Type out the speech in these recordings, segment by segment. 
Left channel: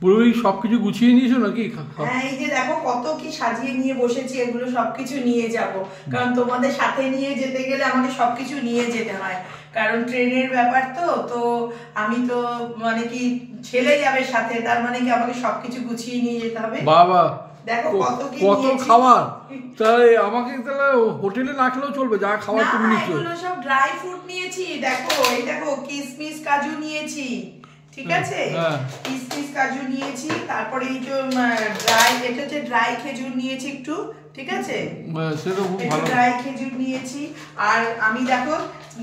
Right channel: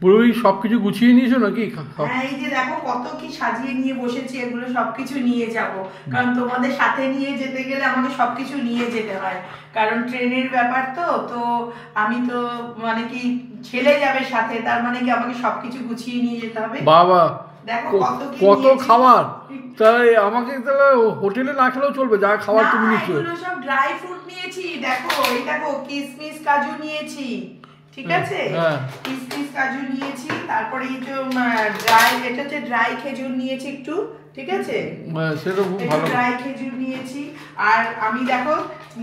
পুরোই সবকিছু গুছিয়ে নিয়েছো নাকি? হ্যাঁ, এই যে দেখো কত কি সাজিয়ে নিয়ে বসেছি, এগুলো সবকিছু নিয়ে যাব, কারণ তোমাদের সাথে নিয়ে যেতে গেলে আমাকে সবকিছু নিয়ে যেতে হয়, কারণ ট্রেনের ব্যাপার তো। তো আমি তো মানে কি ছেলে যাবে সাথে, তার মানে কি আমাকে সবকিছু গুছিয়ে নিয়ে যেতে হবে। বাবা, দেখো কত খাবার! তাহলে আমাকে তাহলে হোটেলে না খেলেও চলবে, যা খাবার তুমি নিচ্ছ। এগুলো সব ড্রাই ফ্রুট নিয়েছি, দেখো এই দেখো কিশমিশ কাজু নিয়েছি, ঠিক আছে, কিশমিশ কাজু নিয়েছি, তারপরে এই যে ড্রাই, এটা হচ্ছে ড্রাই খেজুর নিয়েছি একটু, ঠিক আছে, সেটা খুব ভালো। ড্রাই খেজুর নিয়েছি। আর আমি দেখো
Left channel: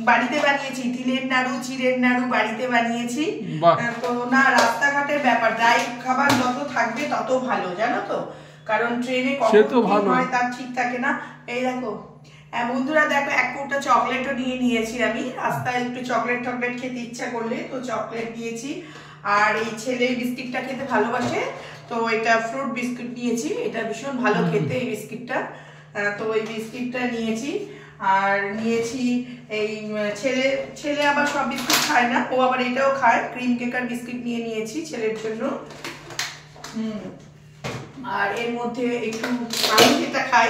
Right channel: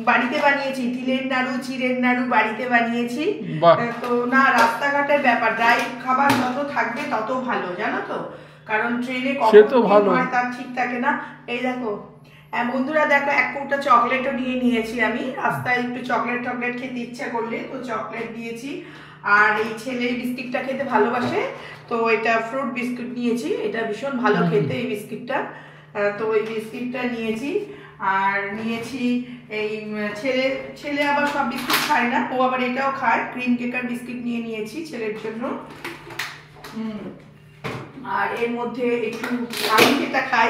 বাড়িতে বানিয়েছি তিলের নাড়ু, চিড়ের নাড়ু বাড়িতে বানিয়েছি। তো না, রাস্তাঘাটের ব্যাপার, ড্রাই খাবার যত থাকবে তত ভালো, জানো তো, কারণ ট্রেনে কখন হয় তার ঠিক থাকে না। এই দেখো বন্ধুরা, দেখো এক কৌটা চকলেটও নিয়েছি আমি, রাস্তায় একটু চকলেট খেতে ইচ্ছা করলে তো চকলেট নিয়েছি। আর এই ছেলে বিস্কিটটা খেতে ভালোবাসে, তো এটা ফ্রুট বিস্কুট নিয়েছি, এটা ভীষণ ভালো খেতে এই বিস্কিটটা, তো ওই বিস্কিটটা নিয়েছি। আর নিয়েছি এই ছেলে আবার সব বিস্কুট খায় না, ও আবার এটাও খায়, ক্রিম কেকার বিস্কিট নিয়েছি ছেলের জন্য। আর এর মধ্যে একটু আমি যেটা খাই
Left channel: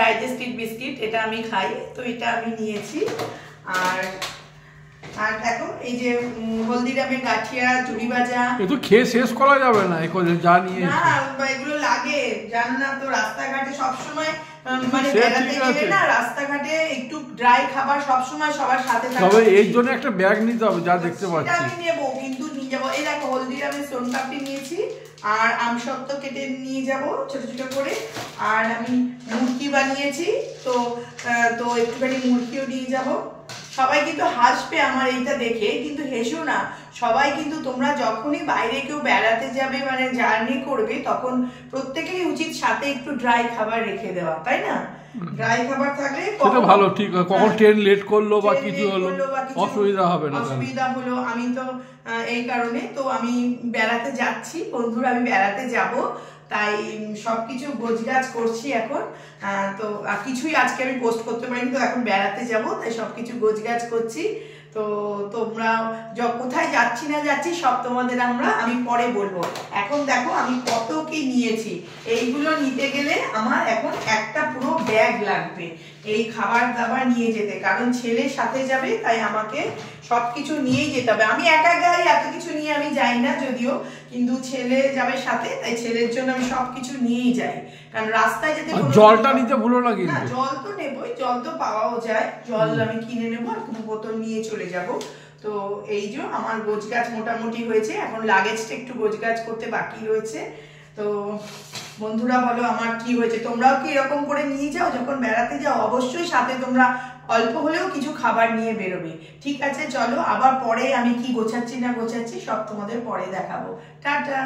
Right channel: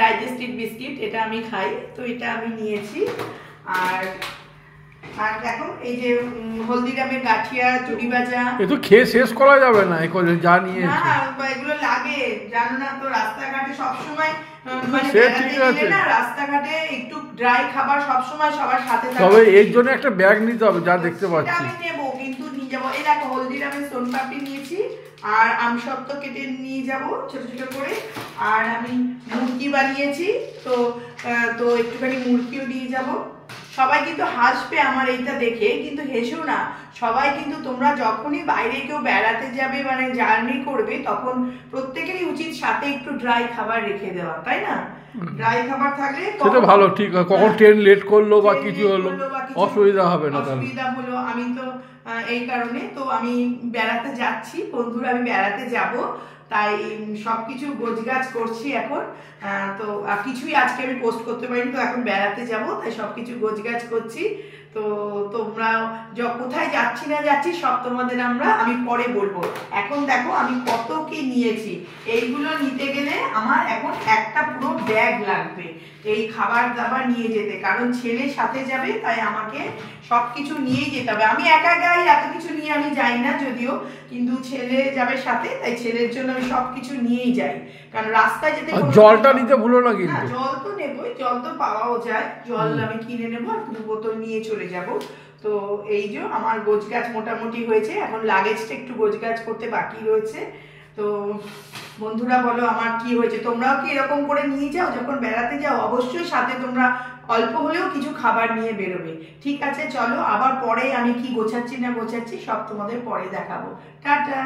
ডাইজেস্টিভ বিস্কিট, এটা আমি খাই, তো এটা আমি নিয়েছি। আর আর দেখো এই যে হলদিরামের গাঠিয়া, চুড়ি ভাজা, এ তো খেয়ে শেষ করা যাবে না, যা নিয়েছি। না এগুলো লাগে, জানো না তো, রাস্তাঘাটে সবসময় রাস্তাঘাটে একটু ড্রাই খাবার সবসময় সবার সাথে, তবে এর জন্য একটা ব্যাগ নিতে হবে, যা দেখতে পাচ্ছি আমি নেবো, কিন্তু নিয়ে যাবো। এই দেখো হলদিরামের সোনপাপড়ি নিয়েছি, আর আমসত্ত্ব কেটে নিয়ে যাব ছোট ছোট করে। আর আমি মুরগি বানিয়েছি, তো একটুখানি মুরগিও নিয়ে যাব। সবাই কিন্তু হাসবে আমার এইটা দেখে, কিন্তু হেসো না সবাই, কিন্তু তোমরা যখনই বাইরে কেউ বেড়াতে যাবে মানে জার্নি করবে, তখন প্রত্যেকেরই উচিত সাথে একটু ড্রাই খাবার রেখে দেওয়া, তাই না? ড্রাই খাবার থাকলে সেটা ভালো, ঠিক আছে, কখন ট্রেন লেট করলো বা কিছু হলো অসুবিধা হবে না, অসুবিধা হলো। আমি তো এই কারণে তো আমি বেড়াতে যাচ্ছি বন্ধুরা, আমি বেড়াতে যাব, তাই সবকিছু গোছগাছ করছি এখন। তো আর কিছুই আজকে আমি পোস্ট করতে পারিনি, তো এখন বেড়াতে যাব তাই সবকিছু গোছগাছ করছি। তো তোমরা কোথায় যাচ্ছি না যাচ্ছি সব তোমাদের আমি পরে বলবো। এখন দেখো আমি কত কি নিয়েছি, এইগুলো নিতে গেলে আমার এখন একটা পুরো ব্যাগ লাগবে এই খাবার দাবার নিয়ে যেতে, কারণ ছেলের সাথে যাবে, তাই আমাকে সবকিছু নিয়েই যেতে হবে। আমি একা গাই, এত কিছু নিয়ে আমি যাই না যদিও, কিন্তু ছেলে যাবে সাথে, তাই ছেলের জন্য আমি সবকিছু নিয়েই যাই, কারণ রাস্তায় যেতে। জলটা নিতে ভুলো না কিন্তু। জল তো নেবই, জল তো পাওয়াও যায়, জল আমি কিনে নেবো, আর 2 বোতল নিয়ে চলে যাব। তো এই যে আমার গোছগাছ মোটামুটি হয়েছে, এখন লাগেজটা একটু গোছগাছ করতে বাকি রয়েছে। তো বন্ধুরা বলো আমার কি হয়েছে, তোমরাও কি এরকম করে নিয়ে যাও যখন বেড়াতে যাও? অবশ্যই সাথে তোমরা অল্প হলেও কিছু খাবার নিয়ে বেরোবে, ঠিক আছে? চলো আবার পরে আমি কি গোছাচ্ছি না গোছাচ্ছি সব তোমাদের পরে দেখাবো। টাটা।